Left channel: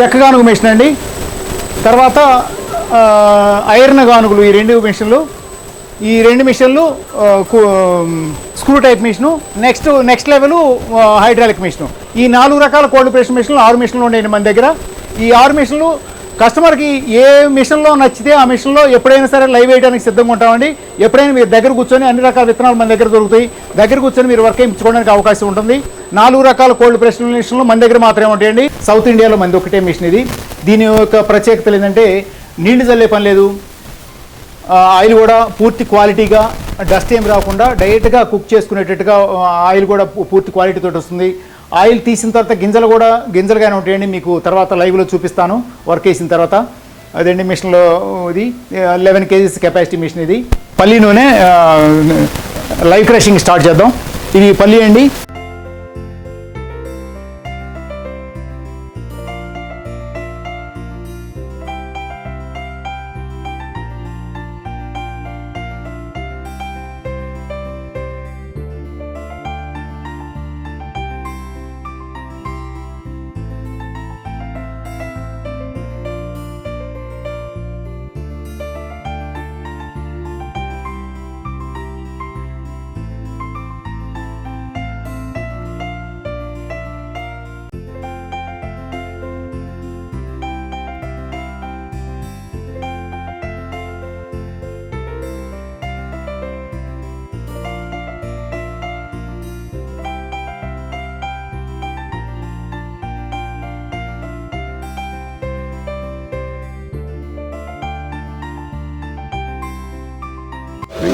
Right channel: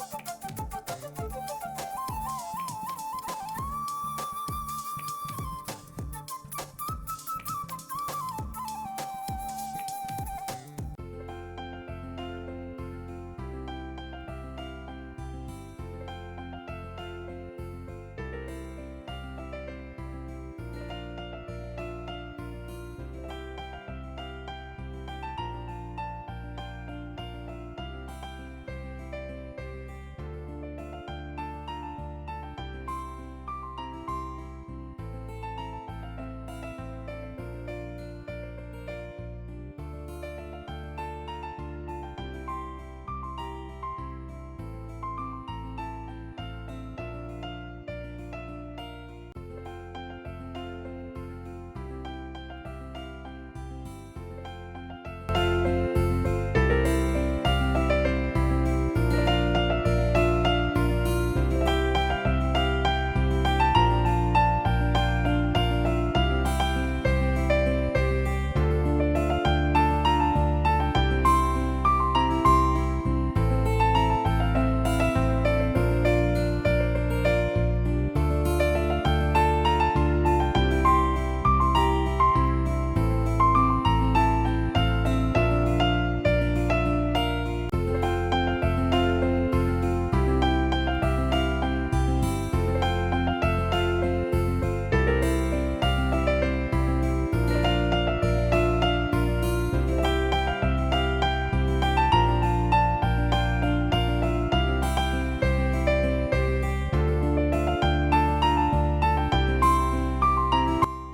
చెక్క గానుగు మిషన్ అండి. తర్వాత ఐరన్ గానుగులు, ఈ రెండు మిషన్లు. ఈ రెండు మిషన్లు screw type machine. Next level hydraulic machine. ఈ 4 రకాల కోల్డ్ ప్రెస్ మిషన్లు 6 మిషన్లు ఉన్నాయండి మన దగ్గర. ఈ 6 మిషన్లు కస్టమర్కి ఏ మిషన్లో నచ్చితే ఆ మిషన్లో ఎప్పుడైనా సరే లైవ్ వేయడానికి సిద్ధంగా ఉంటామండి. ఎప్పుడైనా మీరు దగ్గర కూర్చొని అన్ని రకాల విత్తనాలు మన దగ్గర దొరుకుతాయి. దగ్గర కూర్చొని మీరు వర్క్ చేయించుకోవడానికి అవకాశం ఉంటుంది. 4 రకాల కోల్డ్ ప్రెస్ మిషన్లు మన దగ్గర మాత్రమే ఉంటాయండి. సౌత్ ఇండియాలో మనది ఒకటే మిషన్ ఇది. దీని యొక్క ప్రత్యేకతలు ఏంటంటే నీళ్లు చల్లే పని లేదు. ఆయిల్ కూడా పూర్తి క్వాలిటీగా, డస్ట్ ఏం రాకుండా డైరెక్ట్గా కుక్ చేసుకునేటట్టుగా ఆయిల్ కూడా పూర్తి క్వాలిటీతో వస్తుంది. ఆయిల్ తీసిన తర్వాత గింజలుగానే ఉంటాయండి. మీకు తర్వాత లైవ్లో చూపిస్తాను వర్క్ చేసిన తర్వాత. అదండి మిషన్లో ఇది 11 kgs కెపాసిటీ మిషన్. ఇది పల్లి నూనె లైవ్ క్రషింగ్ స్టార్ట్ చేద్దాం. ఇది పల్లి అండి.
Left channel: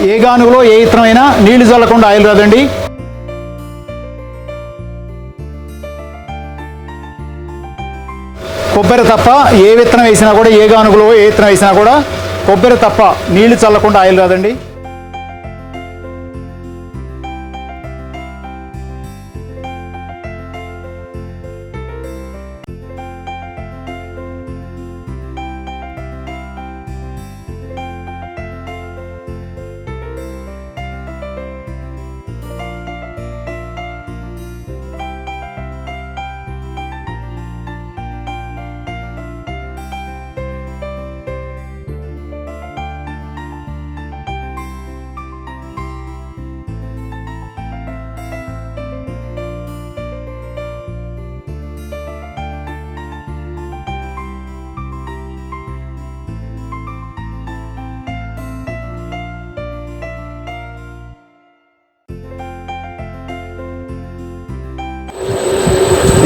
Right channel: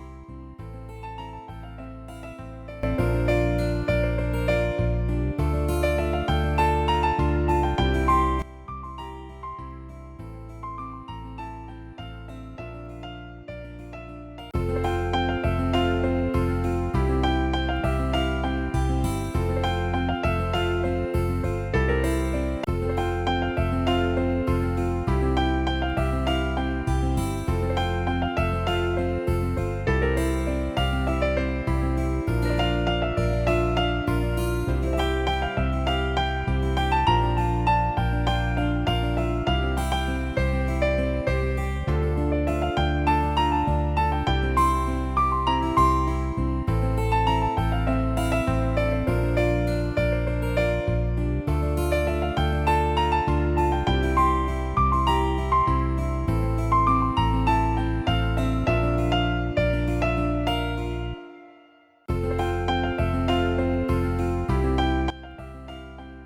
ఏ గానుగులో ఏ ఇత్తనమైనా నీళ్లు చల్లకుండా ఆయిల్ రాదండి. కొబ్బరి తప్ప ఏ విత్తనం వేసినా కూడా, ఏ గానుగులో ఏ విత్తనం వేసినా కూడా కొబ్బరి తప్ప నీళ్లు చల్లకుండా ఆయిల్ రాదండి.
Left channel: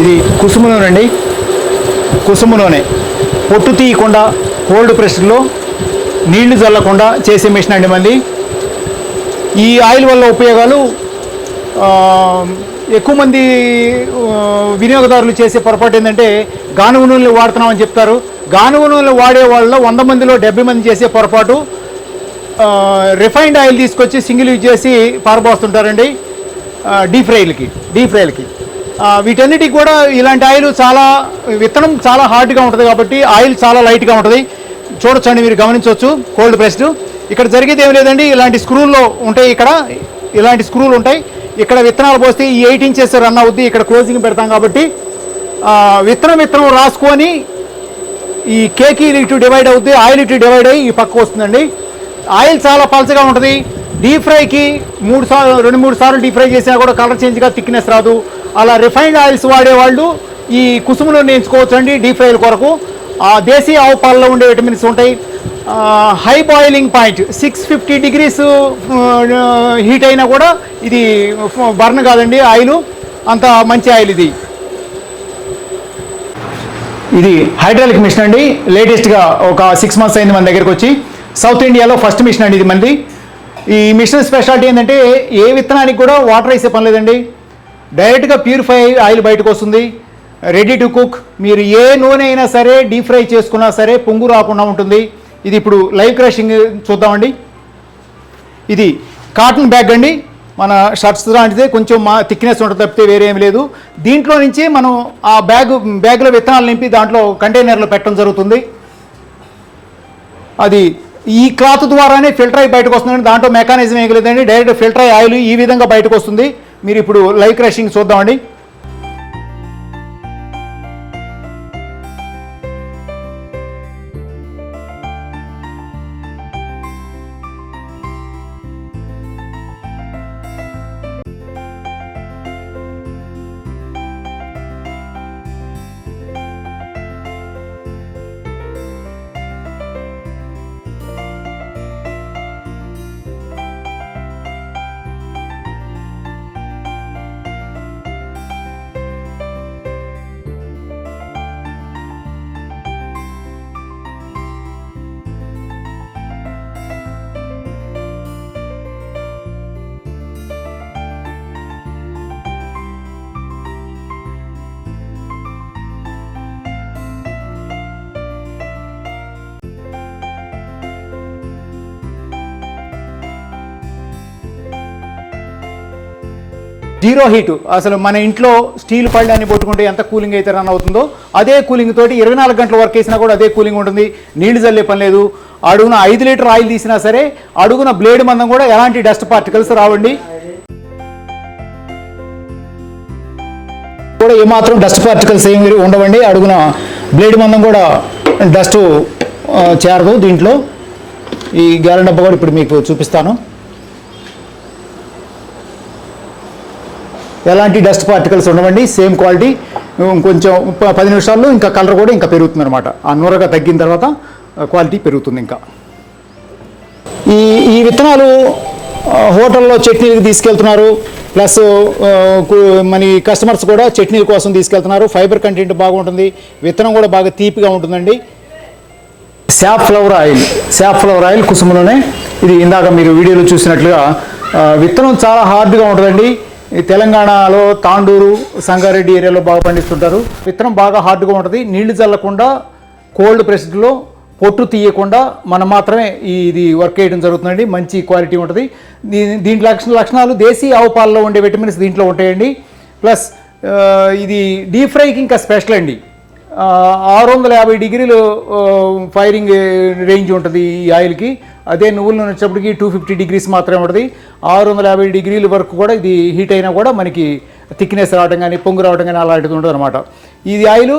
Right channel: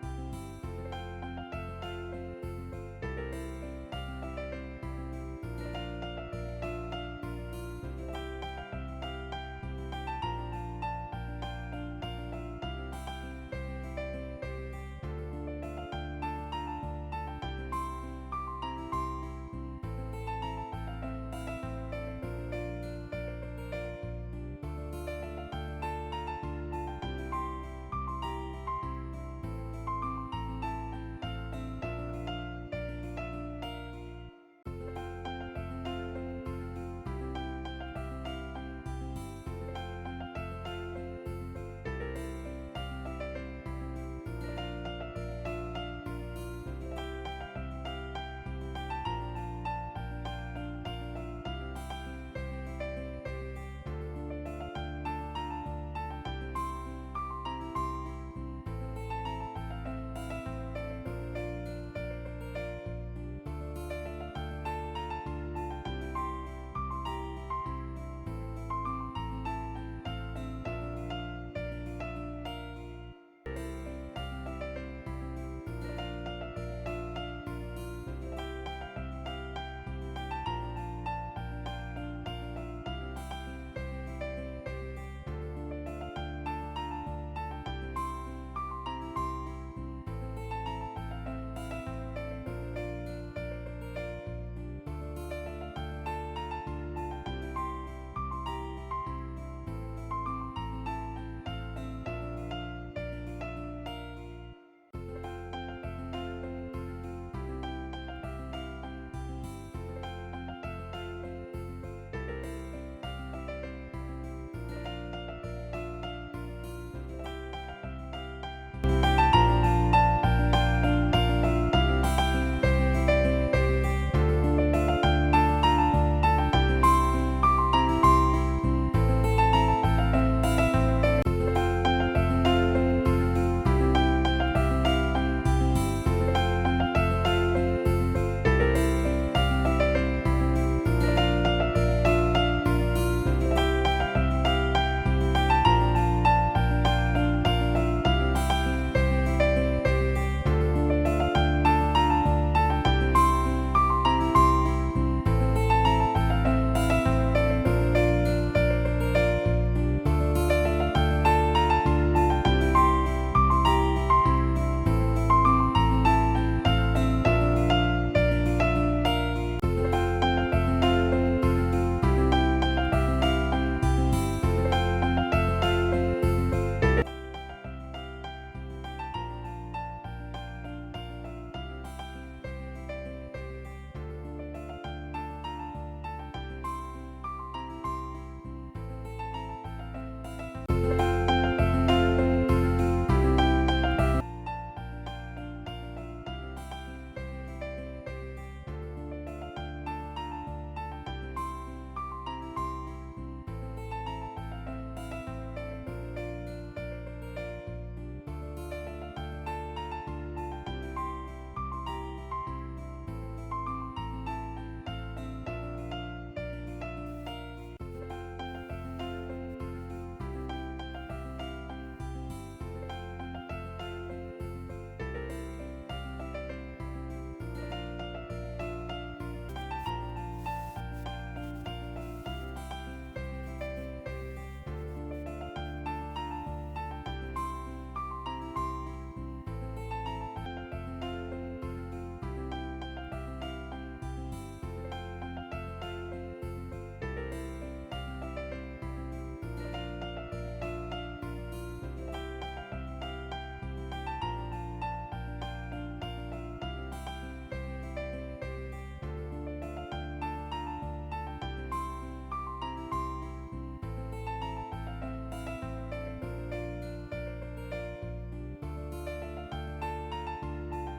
ఇది కుసుమ నూనె అండి. కుసుమ నూనె పొట్టు తీయకుండా కోల్డ్ ప్రెస్లో నీళ్లు చల్లకుండా చేసే మిషన్ అండి మంది. ఈ ఆయిల్ వల్ల ఉపయోగాలు ఎక్కువ మంది వినియోగదారులు చేసే పొరపాటు ఏంటంటే గానుగ నూనెలు వాడుతున్నామని చెప్తారు. గానుగ నూనెలు వాడే వాళ్ళలో 100 మందిలో 70 మంది చేసే పొరపాటు రిఫైన్డ్ ఆయిల్ తీసుకొచ్చి సింగిల్ యూజ్ చేసి పారబోస్తుంటారండి డీప్ ఫ్రైలకి. వీటన్నిటికి కూడా ఇలాంటి ఆయిల్ విత్తనం చాలా హార్డ్గా ఉంటుంది కాబట్టి ఆయిల్ చాలా లైట్గా ఉంటుంది. చూడొచ్చండి, మీరు గమనించవచ్చు. కోల్డ్ ప్రెస్డ్ ఇక్కడ జరిగేది ఏం లేదండి. ఇలాంటి స్క్రూల్లో ఉంటాయి. ఇలాంటి స్క్రూలు ఉంటాయి. ఇక్కడ విత్తనాలు పోస్తే ఈ 8 inches రన్ అవుద్ది. ఇక్కడ క్లోజింగ్ పెడతాం కాబట్టి విత్తనం రాసుకొని ఈ కేక్ ఇటు డివైడ్ అవుద్ది, ఆయిల్ ఇటు డివైడ్ అయ్యి ఈ పక్క వస్తుందండి. ఆయిల్ చాలా పల్చగా ఉంటుంది. డీప్ ఫ్రైకి 2-3 సార్లు డీప్ ఫ్రై చేసినా కూడా కలర్ చేంజ్గా థిక్నెస్ రాదు. అలా రిఫైన్డ్ ఆయిల్స్ వాడేవాళ్ళు ఈ కుసుమను ఎంచుకోవచ్చు అండి డీప్ ఫ్రైల కొరకు. దేశీ ఆవు పాలలో ఉండే విటమిన్స్ ఉంటాయి. High boiling point 650 degrees heat అయినా కూడా ఇది బర్న్ కాదండి. ఆయిల్ అంత మంచి ఆయిల్ ఇది. ఇది హైడ్రాలిక్ మిషన్ అండి. లేటెస్ట్గా ఒక 6 months అయింది మన దగ్గరికి వచ్చి. సౌత్ ఇండియాలో ఫస్ట్ మిషన్ అండి ఇది మనది. ఈ మిషన్ స్పెషాలిటీ ఏంటంటే ఏ విత్తనానికి కూడా వాటర్ వేసే పని లేదండి. డైరెక్ట్గా ప్యూరిఫై ఆయిల్ బయటకు వస్తుంది. Ready to cook. మీరు ఏ నూనె అయినా సరే డీప్ ఫ్రై చేసుకున్నా సరే పొంగు రాకుండా ఉంటుంది. ఇది ఇప్పుడు లైవ్ క్రషింగ్ చూద్దామండి. ఇది కాటన్ బ్యాగ్ అండి. మన షర్ట్స్ లాంటిదే, కొంచెం థిక్నెస్ ఉంటుంది తప్పితే వేరే ఏం లేదు. దీంట్లో నుంచి మనం ఆ బ్యాగ్లో విత్తనాలు నింపి దాంట్లో కంటైనర్లో పెట్టడం జరుగుతుంది. అది ఈ క్లాత్ ద్వారానే ఫిల్టర్ అయ్యి బయటకు వస్తుంది. దాంట్లో మెకానిజం ఏం లేదండి. డైరెక్ట్ ఫిల్టర్ అయ్యి ఆయిల్ ఈ విధంగా బయటకు వస్తుంది. మీరు ఇప్పుడు లైవ్ క్రషింగ్ చూద్దామండి. Zero heat. అసలు మన ఇంట్లో స్టీల్ పళ్ళని పట్టుకుంటే ఎంత కూలింగ్ అయితే రన్ అవుతుందో అదే కూలింగ్ తోటి 24 గంటలు వర్క్ చేసినా కూడా అదే కూలింగ్ ఉంటుంది. నీళ్లు చల్లే పని లేదు. అడుగున 5 లీటర్ ఆయిల్ తీసినా సరే అడుగున బ్లేడ్ మందం కూడా ఎలాంటి డస్ట్ పార్టికల్స్ రావండి. కూడా ఏమాత్రం డస్ట్ పార్టికల్స్ ఏమి ఉండవండి. అడుగున బ్లేడ్ మందం కూడా డస్ట్ చేరదు దీంట్లో. ఈ గ్యాలన్ డబ్బా కూడా ఇప్పుడు మీకు చూపిస్తాను. ఎలాంటి డస్ట్ పార్టికల్స్ ఉండవండి. Same quality. కొంచెం 10 నిమిషాల్లో ఇంకా కలర్ కూడా ఇంకా పెరుగుతుంది అనమాట. ఆ నూరగా తగ్గిన తర్వాత క్వాలిటీ పెరుగుతుంది. ఇంకా ఈ విత్తనాలు హోటల్లో చట్నీలకు తీసుకెళ్తున్నారు. ప్లస్ మన కస్టమర్స్ కూడా చట్నీల కోసం తీసుకెళ్తున్నారు. ఫైబర్ కంటెంట్ బాగుంటుంది. విత్తనం కూడా బాగా తీపిగా ఉంటుందండి. సాఫ్లవర్ ఆయిల్ కుసుమలోనే. ఇది ఇందాక మీరు వీడియోలో చూసినట్లుగా విత్తనం చాలా హార్డ్గా ఉంటుందండి. ఈ తెలంగాణలో తాండూరు, సంగారెడ్డి ఏరియాలో బాగా పండిస్తుంటారు. విత్తనం బాగా హార్డ్గా ఉంటుంది. నీళ్లు చల్లకుండా కోల్డ్ ప్రెస్డ్లో పొట్టు తీయకుండా మనం మాత్రమే ఇది వర్క్ చేయడం జరుగుతుందండి. మంచి క్వాలిటీ ఉంటుంది. దీంట్లో లక్షణాలు దేశీ ఆవు పాలలో ఉండే విటమిన్స్ దీంట్లో ఉంటాయండి. ప్లస్ ఇది డీప్ ఫ్రైకి ఇంకా స్పెషల్ అండి. 650 డిగ్రీలు ఫైరింగ్ రేంజ్ ఉంటుంది ఈ ఆయిల్కి. అదే నువ్వుల నూనె వచ్చేప్పటికి 250 డిగ్రీస్ మాత్రమే ఉంటుంది. 650 డిగ్రీల వరకు కూడా ఇది హీట్ అయినా కూడా మనకి థిక్నెస్ రావడం కానీ పొంగు రావడం కానీ అలాంటిది ఉంటుంది అనమాట. ఇది ఆయిల్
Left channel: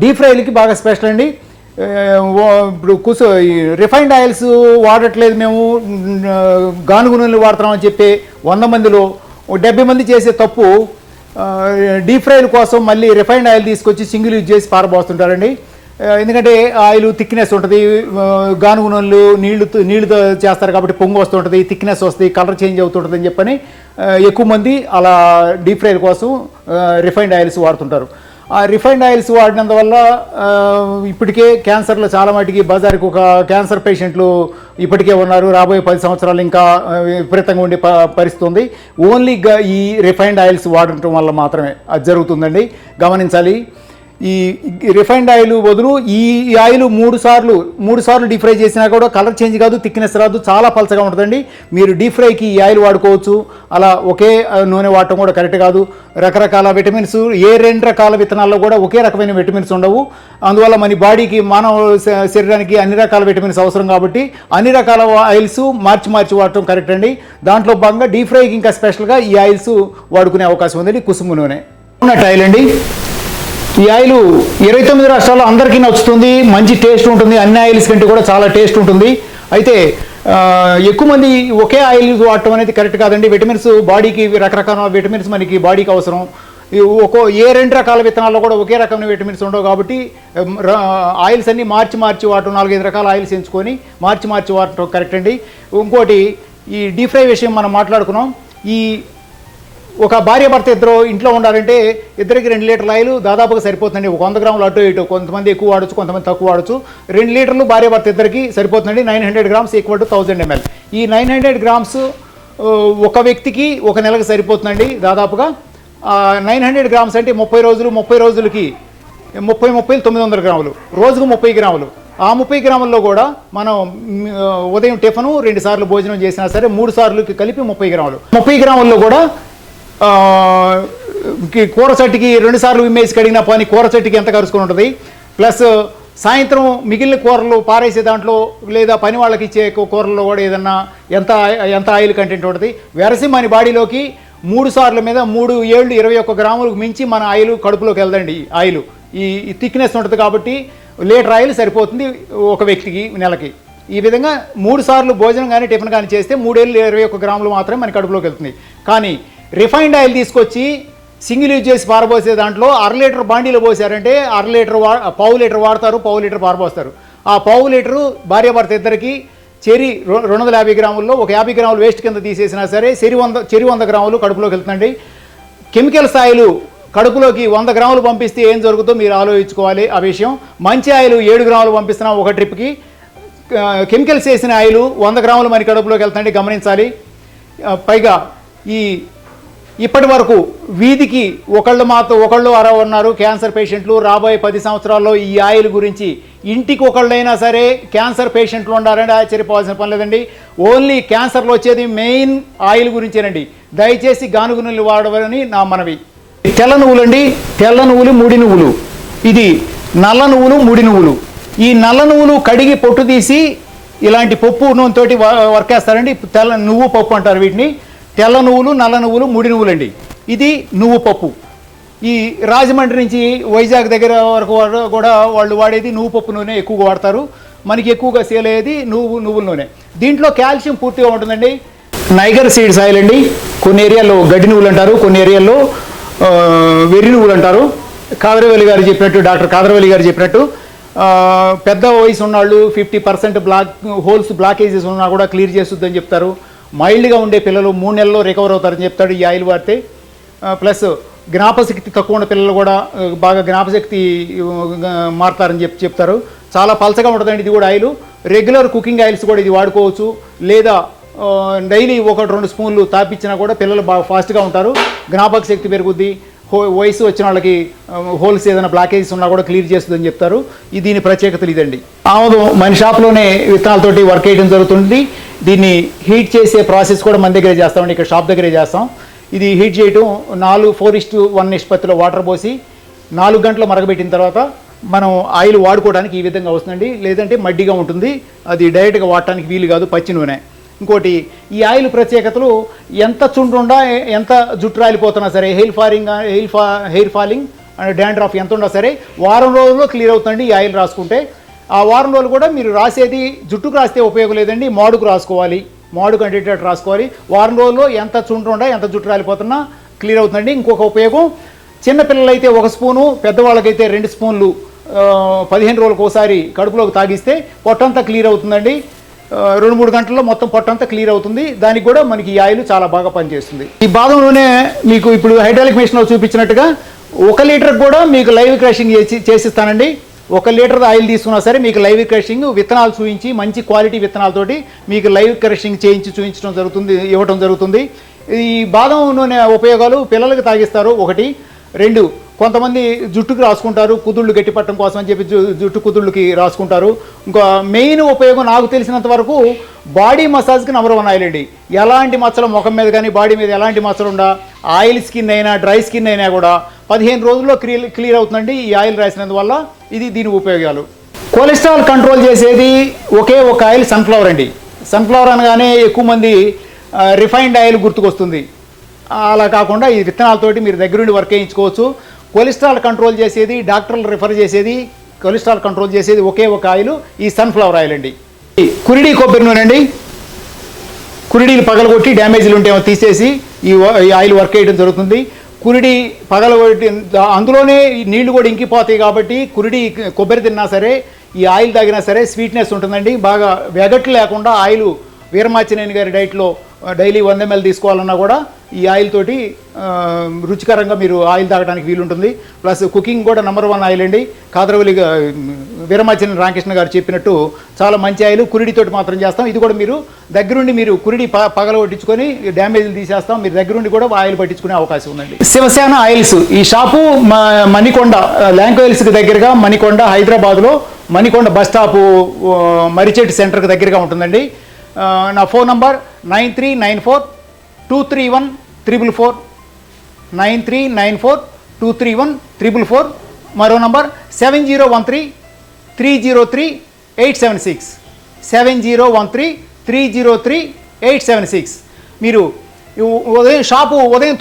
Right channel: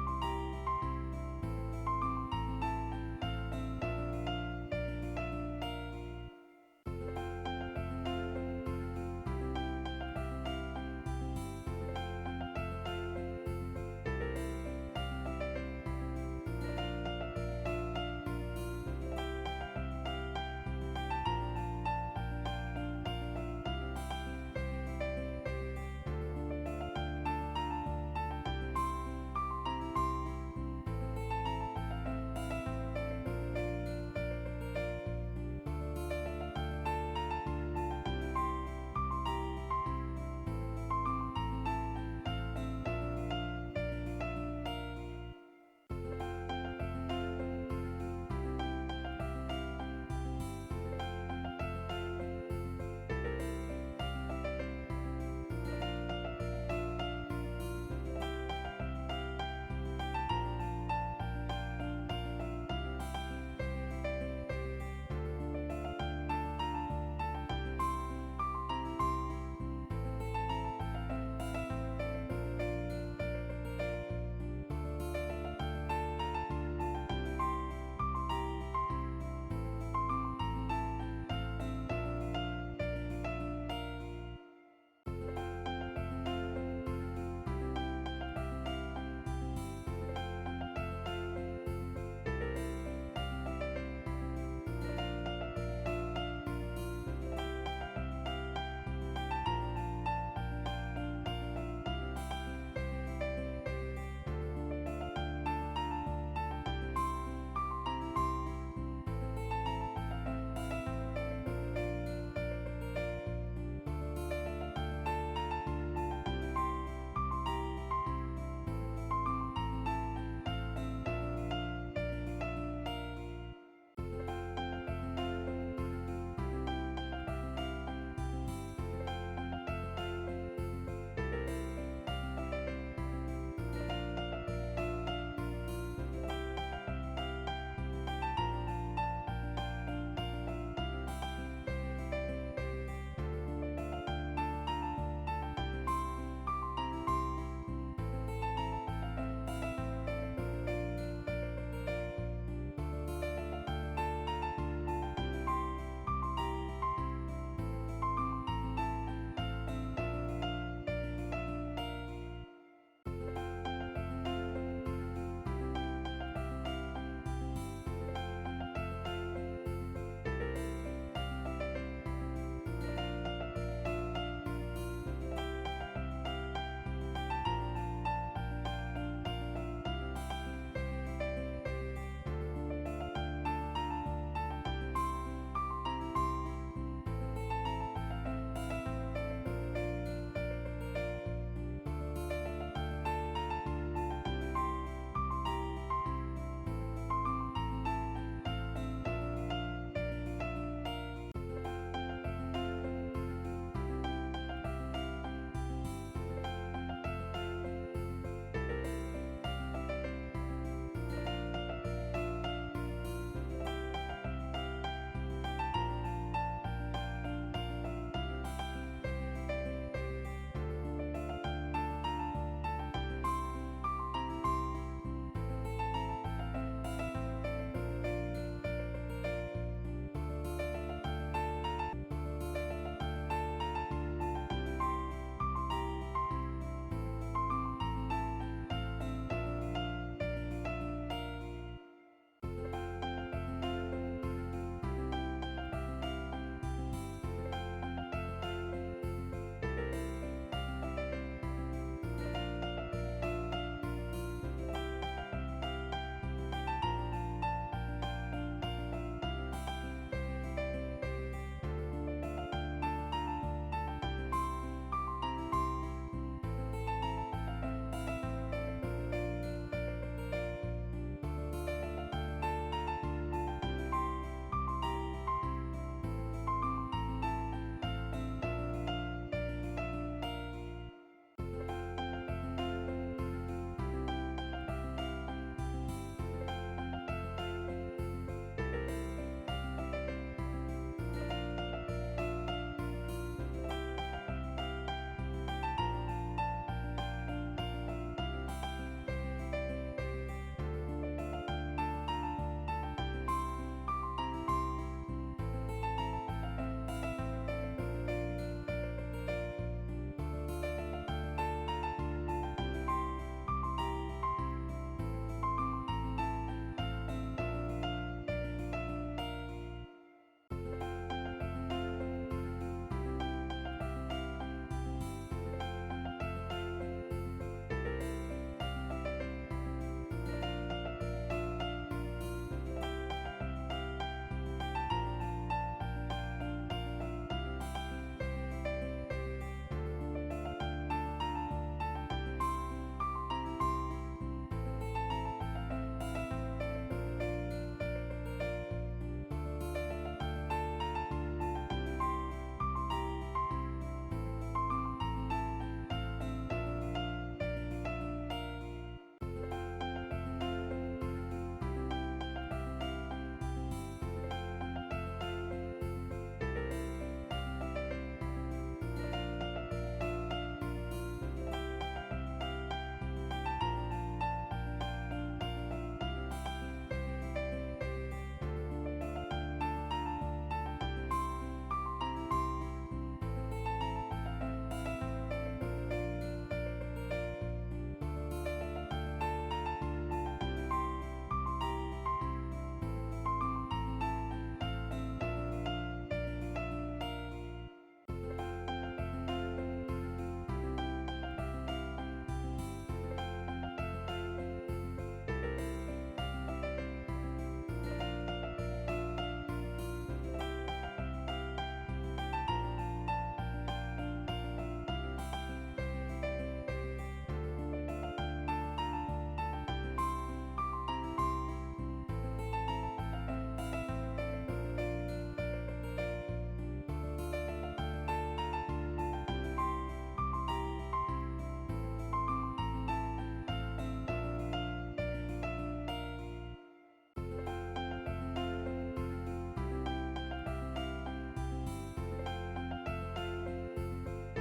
డీప్ ఫ్రైలకి బాగా స్పెషల్ అండి. ఇప్పుడు రిఫైన్డ్ ఆయిల్స్ వాడట్లేదు మేము, గానుగు నూనెలు వాడుతున్నామని చెప్పి 100 మందిలో 70 మంది చేసే తప్పు డీప్ ఫ్రైల కోసం మళ్ళీ రిఫైన్డ్ ఆయిల్ తీసుకొచ్చి సింగిల్ యూజ్ చేసి పారబోస్తుంటారండి. ఎందుకంటే ఆయిల్ థిక్నెస్ ఉంటుంది. గానుగు నూనెలు నీళ్ళతో చేస్తారు కాబట్టి పొంగు వస్తుంటుంది, థిక్నెస్ వస్తుంది, కలర్ చేంజ్ అవుతుంటుంది అని చెప్పని ఎక్కువ మంది అలా డీప్ ఫ్రైల కోసం రిఫైన్డ్ ఆయిల్స్ వాడుతుంటారు. ఆ రిఫైన్డ్ ఆయిల్స్ వాడినందువల్ల ఇప్పటికే క్యాన్సర్లో చాలా మటుకి బజార్కి ఒక క్యాన్సర్ పేషెంట్లు ఇప్పటికే ఉన్నారు. రాబోయే 10 సంవత్సరాలు ఇంకా విపరీతంగా ఉండే పరిస్థితి ఉంది. ఓన్లీ ఈ రిఫైన్డ్ ఆయిల్స్ వాడటం వల్ల మాత్రమే అది జరుగుతుందండి. గమనించాలి. ఈ రిఫైన్డ్ ఆయిల్ బదులు ఈ ఆయిల్ 3 సార్లు డీప్ ఫ్రై చేసినా కూడా కలర్ చేంజ్ కాదు, థిక్నెస్ రాదు, చాలా పలచగా ఉంటుందండి. మీరు డీప్ ఫ్రైకి ఈ ఆయిల్ వాడుకోవచ్చు. అలా ఒకే నూనె వాడటం కూడా కరెక్ట్ కాదు. రకరకాల విటమిన్స్, ఏ 2 రకాల విత్తనాల్లో కూడా ఒకే రకమైన విటమిన్స్ ఉండవు. అందువల్ల మన బాడీకి, మానవ శరీరానికి అన్ని రకాల విటమిన్స్ అవసరం కాబట్టి అన్ని రకాల ఆయిల్స్ మార్చి వాడటం కరెక్ట్ అండి. దాంట్లో భాగంగా డీప్ ఫ్రైకి ఇంకా స్పెషల్గా ఈ ఆయిల్స్ వాడుకునే అవకాశం ఉందండి. కుసుమ నూనె ఉన్నట్టు ఆయిల్ అండి. ఈ ఆయిల్ 29 రాష్ట్రాల్లో అందరికీ నచ్చుతుంది. మంచి టేస్ట్ ఉంటుంది. అన్ని ఆయిల్స్ కంటే కూడా చాలా టేస్ట్ ఉంటుంది. అయితే ఎక్కువ మంది ఒకే ఆయిల్ వాడటం అనేది కరెక్ట్ కాదండి. విటమిన్స్ బాడీకి, రకరకాల విటమిన్స్ మనకి బాడీకి అవసరం. ఏ 2 రకాల విత్తనాల్లో కూడా ఒకే రకమైన విటమిన్స్ ఉండవు కాబట్టి ఆయిల్స్ అన్ని మార్చి వాడటం, 4-5 రకాల ఆయిల్స్ ఎంచుకొని మార్చి వాడటం కరెక్ట్ అండి. ఇంకోటి, ఈ డీప్ ఫ్రై విషయం మనం మాట్లాడుకున్నాం. ఈ ఒక భార్య భర్త ఇద్దరు ఇంట్లో ఉండాలంటే ఇద్దరికి 2 లీటర్ల ఆయిల్ దాదాపుగా సరిపోతుందండి. ఒక 100 గ్రాములు అటు ఇటు, కొంతమంది ఎక్కువ వాడచ్చు, కొంతమంది తక్కువ వాడచ్చు. 2 లీటర్లు భార్య భర్త ఇద్దరికి సరిపోతుందండి. 900 గ్రామ్స్ ఈక్వల్ టు 1000 ml. ఈ 900 గ్రామ్స్ ఒక వ్యక్తికి ఒక నెలకు సరిపోతుందండి దాదాపుగా. 900 గ్రామ్స్ అంటే 30 రోజులకి 900 గ్రాములు, రోజుకు 30 గ్రాములు. ఆ 30 గ్రాముల్లో కూడా మనం ఉదయం టిఫను 2 సార్లు భోజనం చేసినా సరే 3 సార్లుకి కలిపి 30 గ్రాములు. 30 గ్రాముల్లో కూడా కూర చెట్టుకి 2 సార్లు విమ్మేసి కడిగిన పని కూర చెట్టుకి ఎంత కరుచుకొని ఉంటుంది. ప్లస్ సాయంత్రం మిగిలిన కూరలు పారేసే దాంట్లో లేదా పని వాళ్ళకి ఇచ్చే కూరల్లో కూడా ఏదన్నా ఎంత ఆయిల్ కంటెంట్ ఉంటుంది. వెరసి మన బాడీలోకి 3 సార్ల మీద 3 ఏళ్ళు 21 గ్రాములకు మించి మన ఆయిల్ కడుపులోకి వెళ్దండి. ఆయిల్ ఈ థిక్నెస్ ఉంటుంది కాబట్టి లీటర్ ఆయిల్ సరిపోతుంది ఒక వ్యక్తికి నెలకి. ఈ విధంగా 3 సార్లు భోజనం కానీ టిఫిన్ కానీ చేస్తే 3 ఏళ్ళు 21 గ్రాములు మాత్రమే మన కడుపులోకి వెళ్తుంది. కానీ రిఫైన్డ్ ఆయిల్ తీసుకొచ్చి సింగిల్ యూజ్ చేసి పారబోసే దాంట్లో 1/2 లీటర్ బాండీలో పోసారంటే 1/2 లీటర్ పావు లీటర్ వాడతారు, పావు లీటర్ పారబోస్తారు. ఆ పావు లీటరు భార్య భర్త ఇద్దరికి చెరి 250 గ్రాముల్లో ఒక 50 గ్రాములు వేస్ట్ కింద తీసేసినా సరే చెరి 100 గ్రాములు కడుపులోకి వెళ్తుందండి. కెమికల్స్ ఆయిల్ కడుపులోకి 100 గ్రాములు పంపిస్తే ఏం జరుగుతుందో మీరు ఆలోచించుకోవాలి ఆ విషయం. మంచి ఆయిల్ 7 గ్రాములు పంపిస్తున్నాం ఒక ట్రిప్కి. కెమికల్స్ వేసిన ఆయిల్ 100 గ్రాములు మన కడుపులోకి వెళ్తుందండి, గమనించాలి. పైగా ఇప్పటి వరకు వీధికి ఒకళ్ళు అర ఉన్నారు క్యాన్సర్ పేషెంట్లు. రాబోయే 10 సంవత్సరాల్లో ఈ ఆయిల్ గురించి ఇంటికి ఒకళ్ళైనా సరే క్యాన్సర్ పేషెంట్లు ఉండాలంటే ఆశ్చర్యపోవాల్సిన పని లేదండి. ఓన్లీ క్యాన్సర్లో వచ్చేది మెయిన్ ఆయిల్ గురించేనండి. దయచేసి గానుగ నూనెలు వాడవని నా మనవి. తెల్ల నువ్వులండి, తెల్ల నువ్వులు, ముడి నువ్వులు, ఇది నల్ల నువ్వులు, ముడి నువ్వులు. ఈ నల్ల నువ్వులు కడిగి పొట్టు తీసి ఇలాంటి పప్పు నూనెతోటి వర్క్ వేస్తారండి. తెల్ల నువ్వు పప్పు అంటారు వీటిని. తెల్ల నువ్వులు, నల్ల నువ్వులు, ముడి నువ్వులండి. ఇది నువ్వు పప్పు. ఈ రాజమండ్రి నుంచి వైజాగ్ దగ్గర వరకు కూడా వాళ్ళు వాడేది నువ్వు పప్పు నూనె ఎక్కువగా వాడతారు. మనకి ఎక్కువగా సేల్ అయ్యేది నువ్వుల నూనె. దీంట్లో కాల్షియం పూర్తిగా ఉంటుందండి. నైగర్ సీడ్స్ ఆయిల్ అండి. కొన్ని ఏరియాల్లో గడ్డి నువ్వులు అంటారు, కొన్ని ఏరియాల్లో వెర్రి నువ్వులు అంటారు. కాదరవల్లి గారు చెప్పినట్టు, డాక్టర్ కాదరవల్లి గారు చెప్పినట్టు పెద్ద వయసు ఉన్నవాళ్ళు 50% బ్లాకేజెస్ ఉన్నా కూడా క్లియర్ చేస్తుందని చెప్తారు. మైల్డ్గా ఉండే పిల్లలు 3 నెలల్లో రికవర్ అవుతారని చెప్తాడు ఈ ఆయిల్ వాడితే. ప్లస్ జ్ఞాపశక్తి తక్కువ ఉన్న పిల్లలు కూడా బాగా జ్ఞాపశక్తి మారుతారని చెప్తారు. చాలా పలచగా ఉంటుందండి ఇది కూడా ఆయిల్. రెగ్యులర్ కుకింగ్ ఆయిల్స్ కూడా ఇది వాడుకోవచ్చు. లేదా డైలీ 1-2 స్పూన్లు తాపించినా కూడా పిల్లలు బాగా ఫాస్ట్గా ఉంటారు, జ్ఞాపక శక్తి పెరుగుద్ది. వయసు వచ్చిన వాళ్ళకి హోల్స్ ఏదైనా బ్లాకేజెస్ ఉన్నా కూడా క్లియర్ చేస్తుందని చెప్తారు. దీని ప్రత్యేకతలు ఇదండి. ఆముదం మన షాప్లోనే విత్తనాలతోటి వర్క్ చేయడం జరుగుతుంది. దీన్ని హీట్ చేసే ప్రాసెస్ కూడా మన దగ్గరే చేస్తామండి, ఇక్కడ షాప్ దగ్గరే చేస్తాం. ఇది హీట్ చేయటం 4:4:1 నిష్పత్తిలో వాటర్ పోసి 4 గంటలు మరగబెట్టిన తర్వాత మనం ఆయిల్ వాడుకోవడానికి ఈ విధంగా వస్తుందండి. లేదంటే మడ్డిగా ఉంటుంది, అది డైరెక్ట్గా వాడటానికి వీలు కాదు, పచ్చి నూనె. ఇంకోటి ఈ ఆయిల్ ప్రత్యేకతలు, ఎంత చుండ్రుండా ఎంత జుట్టు రాలిపోతున్నా సరే, హెయిర్ ఫాలింగ్ అండ్ డాండ్రఫ్ ఎంత ఉన్నా సరే వారం రోజుల్లో క్లియర్ అవుతుందండి ఈ ఆయిల్ రాసుకుంటే. ఆ వారం రోజులు కూడా మీరు రాసేది జుట్టుకు రాస్తే ఉపయోగం లేదండి, మాడుకు రాసుకోవాలి. మాడుకు అంటేటట్టు రాసుకోవాలి. వారం రోజుల్లో ఎంత చుండ్రుండా ఎంత జుట్టు రాలిపోతున్నా క్లియర్ అవుతుందండి. ఇంకొక ఉపయోగం, చిన్నపిల్లలైతే 1 స్పూను, పెద్దవాళ్ళకైతే 2 స్పూన్లు 15 రోజులకు ఒకసారి కడుపులోకి తాగిస్తే పొట్టంతా క్లియర్ అవుతుందండి. 2-3 గంటల్లో మొత్తం పొట్టంతా క్లియర్ అవుతుంది. దానికి కూడా మనకి ఈ ఆయిల్ చాలా బాగా పనిచేస్తుంది. ఈ బాదం నూనె మీకు ఇప్పుడు హైడ్రాలిక్ మిషన్లో చూపించినట్టుగా 1 లీటర్ కూడా మీకు లైవ్ క్రషింగ్ చేసిస్తానండి. 1 లీటర్ ఆయిల్ తీసుకున్నా సరే మీకు లైవ్ క్రషింగ్ విత్తనాలు చూపించి మంచి క్వాలిటీ విత్తనాలతోటి మీకు లైవ్ క్రషింగ్ ఇవ్వడం జరుగుతుంది. ఈ బాదం నూనె ఉపయోగాలు పిల్లలకి తాగిస్తారు 1. 2, కొంతమంది జుట్టుకి రాసుకుంటారు, కుదుళ్ళు గట్టిపట్టడం కోసం అని చెప్పి జుట్టు కుదుళ్ళకి రాసుకుంటారు. ఇంకా మెయిన్ ఉపయోగం నాకు తెలిసినంత వరకు బాడీ మసాజ్కి నంబర్ 1 ఆయిల్ అండి. ఎలాంటి మచ్చలు ముఖం మీద కానీ బాడీ మీద ఎలాంటి మచ్చలు ఉండా, ఆయిల్ స్కిన్ అయినా డ్రై స్కిన్ అయినా కూడా 15 రోజుల్లో క్లియర్ అవుతుందండి ఈ ఆయిల్ రాసినందువల్ల. దీని ఉపయోగాలు. కొలెస్ట్రాల్ కంట్రోల్ చేసేది ఒకే ఒక ఆయిల్ సన్ఫ్లవర్ అండి. సన్ఫ్లవర్ అనగానే ఎక్కువ మంది రిఫైన్డ్ ఆయిల్ గుర్తుకొస్తుంది. అలా కాకుండా ఈ విత్తనాలతోటి మీరు దగ్గరుండి వర్క్ చేయించుకోవచ్చు. కొలెస్ట్రాల్ కంట్రోల్ చేసేది, డాక్టర్లు రిఫర్ చేసేది, కొలెస్ట్రాల్ కంట్రోల్ చేసేది ఒకే ఒక ఆయిల్, ఈ సన్ఫ్లవర్ ఆయిల్ అండి. కురిడి కొబ్బరి నూనె అండి. కురిడీలు పగలగొట్టి డ్యామేజ్లు ఉంటే తీసేసి ఈ ఆయిల్ వర్క్ చేయడం జరుగుతుంది. కురిడి పగలగొట్టి అందులోనే నీళ్లు కూడా ఇంకిపోతాయి కాబట్టి కురిడి కొబ్బరి తిన్నా సరే, ఈ ఆయిల్ తాగినా సరే స్వీట్నెస్ ఉంటుందండి. బాగా వెగట్లు లేకుండా ఆయిల్ వీరమాచినేని గారి డైట్లో డైలీ 100 ml తీసుకోవాలన్నా కూడా ఈ ఆయిల్ తోటి రుచికరంగా మీరు ఆయిల్ తాగడానికి వీలుంటుంది. ప్లస్ కుకింగ్ కూడా నంబర్ 1 ఆయిల్ అండి. కాదరవల్లి వీరమాచినేని రామకృష్ణ గారు చెప్పినట్టు చాలా మంచి ఆయిల్. కురిడితోటి మాత్రం చేస్తాం. ఇది కూడా మీరు దగ్గరుండి మీరు కురిడి పగలగొట్టించుకొని డ్యామేజ్లు తీసేస్తాం. మీరు దగ్గరుండి కూడా ఆయిల్ పట్టించుకునే అవకాశం ఉందండి. శివసేన ఆయిల్స్ ఈ షాపు మణికొండ ల్యాంకోయిల్స్కి దగ్గరగా, మణికొండ హైదరాబాద్లో మణికొండ బస్ స్టాపు మరిచెట్టు సెంటర్కి దగ్గరగా ఉంటుందండి. నా ఫోన్ నంబర్ 9394231444 9394231444. మరో నంబర్ 7013303876 7013303876. మీరు ఉదయం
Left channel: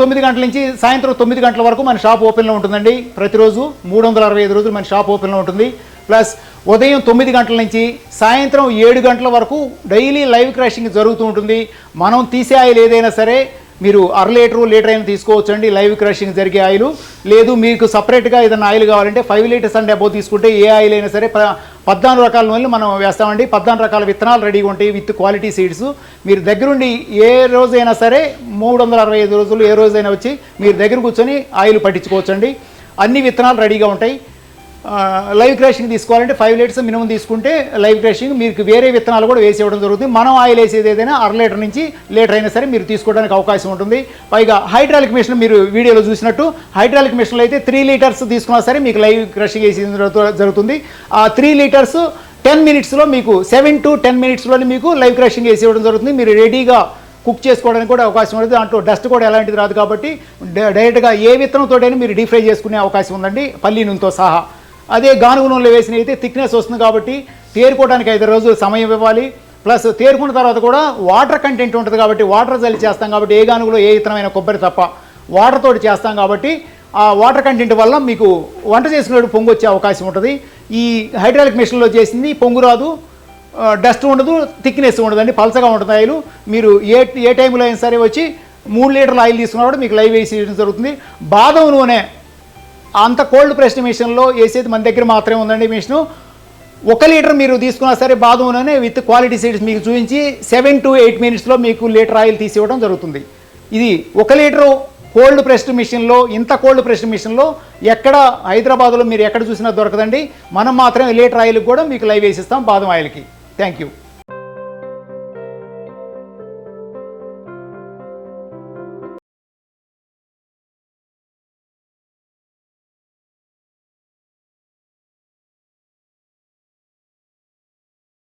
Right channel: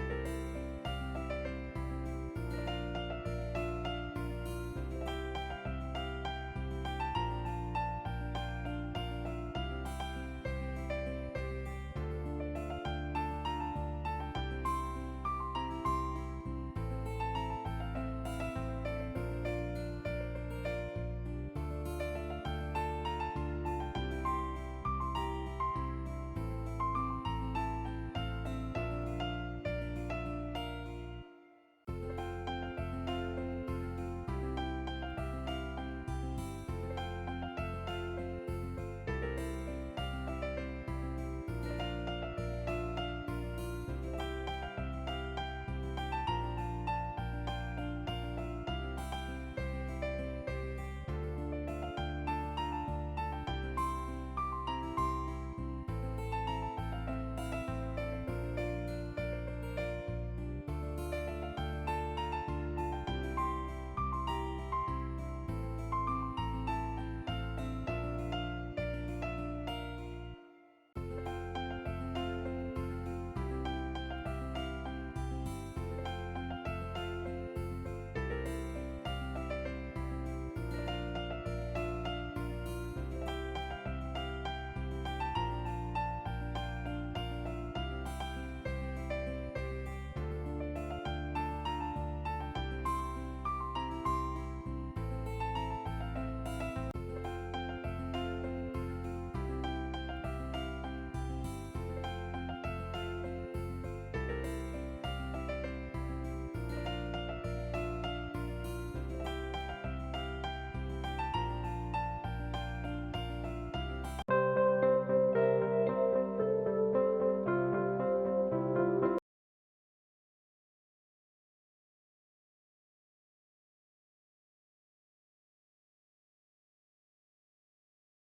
9 గంటల నుంచి సాయంత్రం 9 గంటల వరకు మన షాప్ ఓపెన్లో ఉంటుందండి. ప్రతిరోజు 365 రోజులు మన షాప్ ఓపెన్లో ఉంటుంది. ప్లస్ ఉదయం 9 గంటల నుంచి సాయంత్రం 7 గంటల వరకు డైలీ లైవ్ క్రాషింగ్ జరుగుతూ ఉంటుంది. మనం తీసే ఆయిల్ ఏదైనా సరే మీరు 1/2 లీటర్ అయినా తీసుకోవచ్చు అండి లైవ్ క్రషింగ్ జరిగే ఆయిల్. లేదు మీకు సపరేట్గా ఏదైనా ఆయిల్ కావాలంటే 5 లీటర్స్ అండ్ అబోవ్ తీసుకుంటే ఏ ఆయిల్ అయినా సరే 14 రకాల నూనెలు మనం వేస్తామండి. 14 రకాల విత్తనాలు రెడీగా ఉంటాయి విత్ క్వాలిటీ సీడ్స్. మీరు దగ్గరుండి ఏ రోజైనా సరే 365 రోజులు ఏ రోజైనా వచ్చి మీరు దగ్గర కూర్చొని ఆయిల్ పట్టించుకోవచ్చు అండి. అన్ని విత్తనాలు రెడీగా ఉంటాయి. లైవ్ క్రషింగ్ తీసుకోవాలంటే 5 లీటర్స్ మినిమం తీసుకుంటే లైవ్ క్రషింగ్ మీకు వేరే విత్తనాలు కూడా వేసి ఇవ్వడం జరుగుతుంది. మనం ఆయిల్ వేసేది ఏదైనా 1/2 లీటర్ నుంచి లీటర్ అయినా సరే మీరు తీసుకోవడానికి అవకాశం ఉంటుంది. పైగా హైడ్రాలిక్ మిషన్ మీరు వీడియోలో చూసినట్టు హైడ్రాలిక్ మిషన్లో అయితే 3 లీటర్స్ తీసుకున్నా సరే మీకు లైవ్ క్రషింగ్ వేసి జరుగుతుంది. ఆ 3 లీటర్స్ 10 మినిట్స్లో మీకు 7 to 10 మినిట్స్లోనే మీకు లైవ్ క్రషింగ్ వేసి ఇవ్వడం జరుగుతుంది. మీరు రెడీగా కుక్ చేసుకోవడానికి కూడా అవకాశం ఉంటుంది. దాంట్లో డస్ట్ కూడా ఎలాంటిది రాదు కాబట్టి డైరెక్ట్గా ఏ విత్తనంతోటైనా మీరు డీప్ ఫ్రై చేసుకునే అవకాశం ఉందండి, పల్లి నూనెతో సహా. అదే గానుగ నూనెలో వేసిన అయితే థిక్నెస్ వస్తుంది కాబట్టి తేరుకోవడానికి 5 రోజులు సమయం ఇవ్వాలి. ప్లస్ తేరుకున్న తర్వాత కూడా వాటర్ కంటెంట్ ఉంటుంది కాబట్టి వాటర్ జల్లి చేస్తాం కాబట్టి ఏ గానుగలో ఏ విత్తనమైన కొబ్బరి తప్ప వాటర్ తోటి చేస్తాం కాబట్టి ఆ వాటర్ కంటెంట్ వల్ల మీకు వంట చేసుకునేటప్పుడు పొంగు వచ్చే అవకాశం ఉంటుంది. ఈ హైడ్రాలిక్ మిషన్లో చేసింది పొంగు రాదు, డస్ట్ ఉండదు, థిక్నెస్ ఉండదండి, పలచగా ఉంటుంది ఆయిల్. మీరు ఏ టైంలో అయినా సరే వచ్చి 3 లీటర్ల ఆయిల్ తీసుకున్నా కూడా మీకు లైవ్ వేసి జరుగుతుంది. బాదం నూనె అంత కోల్డ్ ప్రెస్డ్ మిషన్లో వేసేది మన దగ్గర మాత్రమే ఉందండి. మిషను 1 లీటర్ మీరు తీసుకున్నా సరే బాదం నూనె విత్ క్వాలిటీ సీడ్స్ మీకు చూపించి 7 to 8 మినిట్స్లో మీకు లీటర్ ఆయిల్ తీసి ఇవ్వడం జరుగుతుంది. ఇది 1 లీటరు కోల్డ్ ప్రెస్డ్ మిషన్లో, ఇంత కోల్డ్ ప్రెస్డ్ మిషన్లో ఎక్కడ హైదరాబాద్లో మీరు ఎక్కడ చూసినా దొరకదండి. మనం మాత్రమే లీటర్ ఆయిల్ కూడా మీకు లైవ్ వేసిస్తాం బాదం ఆయిల్కి. Thank you.